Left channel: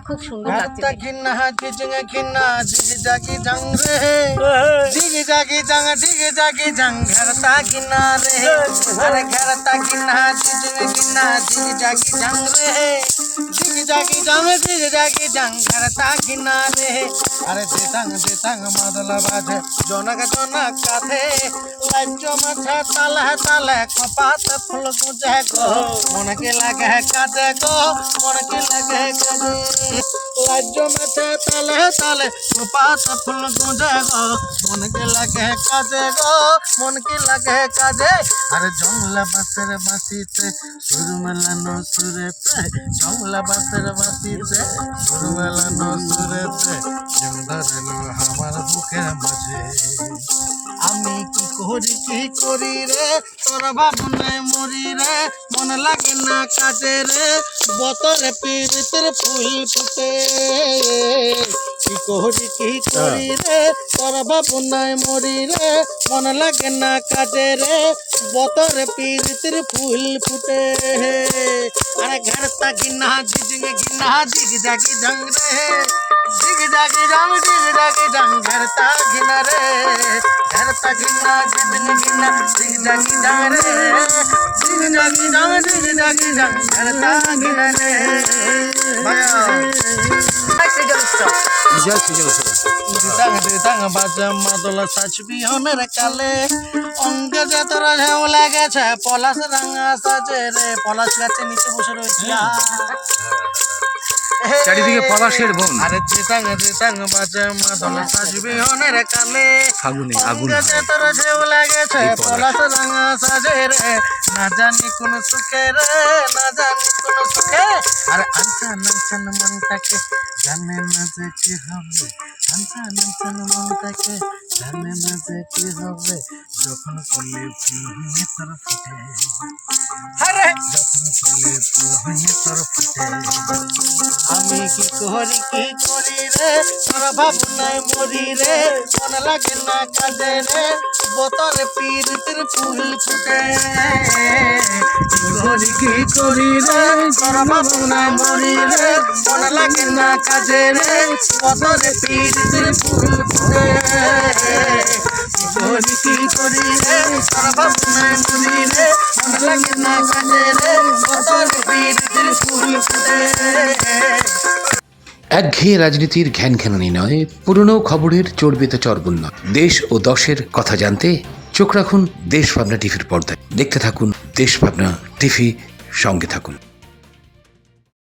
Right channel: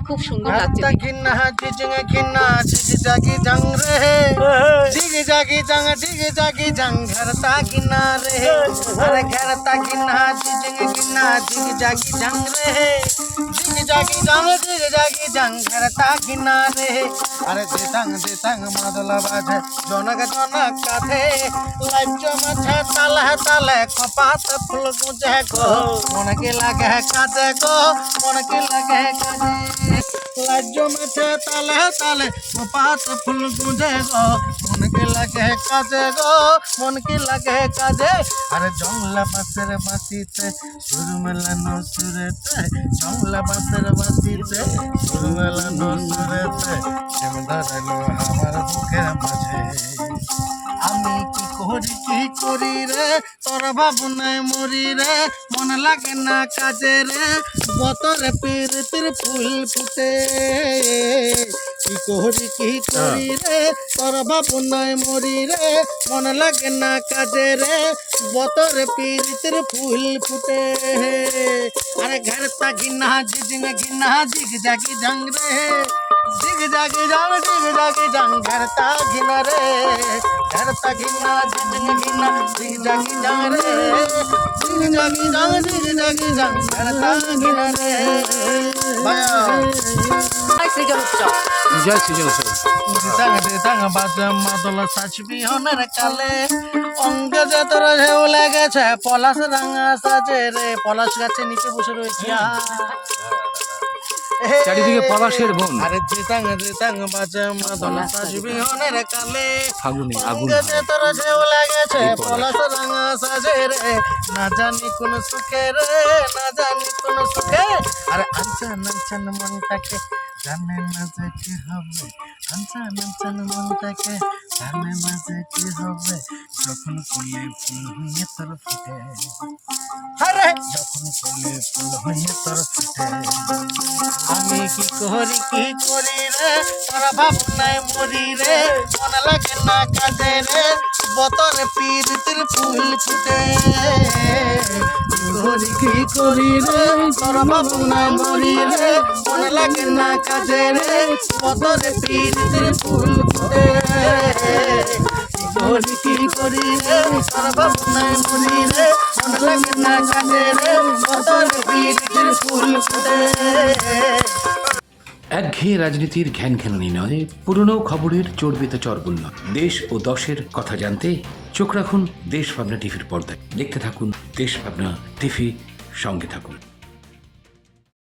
খুব সুন্দর লাগছে। ঘরতা ঘিন্না জিজং ঘিন্না জিগ জাগি জং রে জিগ জাগি জং জিগ জাগি জং ঘরতা ঘিন্না রে আরে ঘরতা ঘিন্না জিজং ঘিন্না জিগ জাগি জং রে জিগ জাগি জং জিগ জাগি জং ঘরতা ঘিন্না রে আরে দেতাং দেতাং মাদল বাজে জনক জনক কাথে লাজ্জ মাছে তালে তালে কপাত ফুল গুজে গো মনকে লাগে কাজে গো মনকে লাগে কাজে লাজ্জ মাছে মনকে লাগে কাজে গো মনকে লাগে কাজে। আরে জংলা বাসের বাসিতে সুর মেলানো সুরেতে, জংলা বাসের বাসিতে সুর মেলানো সুরেতে যেম ধরেলো আমার বুকের মাঝে। আমি কি করি কি করি রে? তোর ভাবনায় মরি রে, মন লাগে না কাজে রে। বতরে পীড়িতের ফুল ফুটে। কি করি কি করি রে? তোর ভাবনায় মরি রে। মন লাগে না কাজে রে। বতরে পীড়িতের ফুল ফুটে। আরে ঘর তা গিনা জিজং গিনা জিগ জাগি জং রে। জিগ জাগি জং জিগ জাগি জং ঘর তা গিনা রে। ঘর তা গিনা জিজং গিনা জিগ জাগি জং রে। জিগ জাগি জং জিগ জাগি জং ঘর তা গিনা রে। লেগেছে পলাশ রাঙা সাজে রে। পলাশ গাছে নিচে বসে রয়েছি চারিদিকে পলাশের বন। আরে দিতাং দিতাং বাজে মাদল সাজবি হনের কালে। ফাগুনে আগুন হয় যতর ঝেউ লেগেছে পলাশ। রাঙা সাজে রে। না জানি কোন সুখে রে না জানি আরে আনসান আনসান মনটাকে জানে না যে কি হবে। আনসান আনসান মনটাকে জানে না যে কি হবে। যখন ফুলে ফুল হয়ে তোর ফুটে। আরে! যখন ফুলে ফুল হয়ে তোর ফুটে। আমি কি করি কি করি রে? তোর ভাবনায় মরি রে। মন লাগে না কাজে রে। বতরে পীড়িতির ফুল ফুটে। কি করি রে? রে? মন লাগে না কাজে রে? ফুল ফুটে। কি করি রে? রে? মন লাগে না কাজে রে? ফুল ফুটে। একঘেয়ে রাজনীতির ঘ্যান ঘ্যাননি নয়, পুরনো খবরের চর্বিত চর্বণ নয়। দেশ ও দশের কথা জানতে চোখ রাখুন দেশ ভাবনা টিভির পর্দায়। দেখতে থাকুন দেশ ভাবনা টিভি সঙ্গে থাকুন।